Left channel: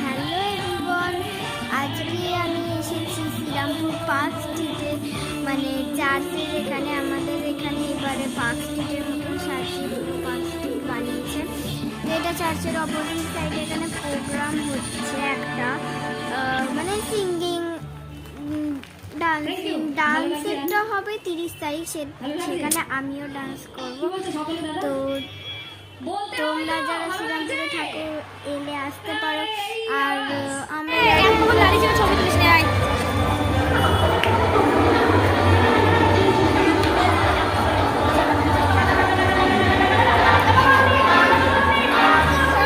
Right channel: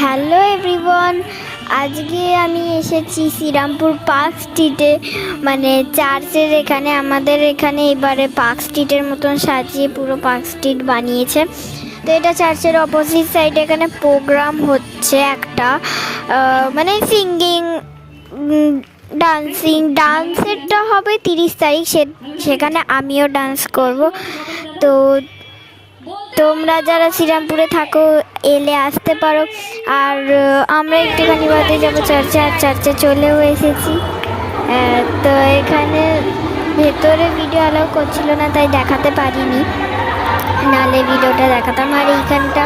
Hello everyone, আজকে আমি এসেছি শ্রীরামপুর পার্ক স্ট্রিটে, মানে চার্চের এখানে। আমাদের এখানে এবারে পার্ক স্ট্রিটের মতন সাজিয়ে পুরো পার্ক স্ট্রিট বানিয়েছে। তো এটা চার্চের অপোজিট সাইডে এখানে প্রোগ্রাম হচ্ছে একটা, মানে সিঙ্গিং, ডান্সেরটা হবে 30 তারিখ। সেখানে আমিও ডান্স করব। তো তোমরা যারা শ্রীরামপুরে থাকো এলে আসতে পারো। আর আমরা একটুখানি বাদে যাবো চার্চে চলেও এসেছি। তো এখানে ভেতরে ভিডিও অ্যালাউ করছিল না, তাই দেখাতে পারিনি, নাহলে ভিডিওটা দেখাতাম। আর এইখানটা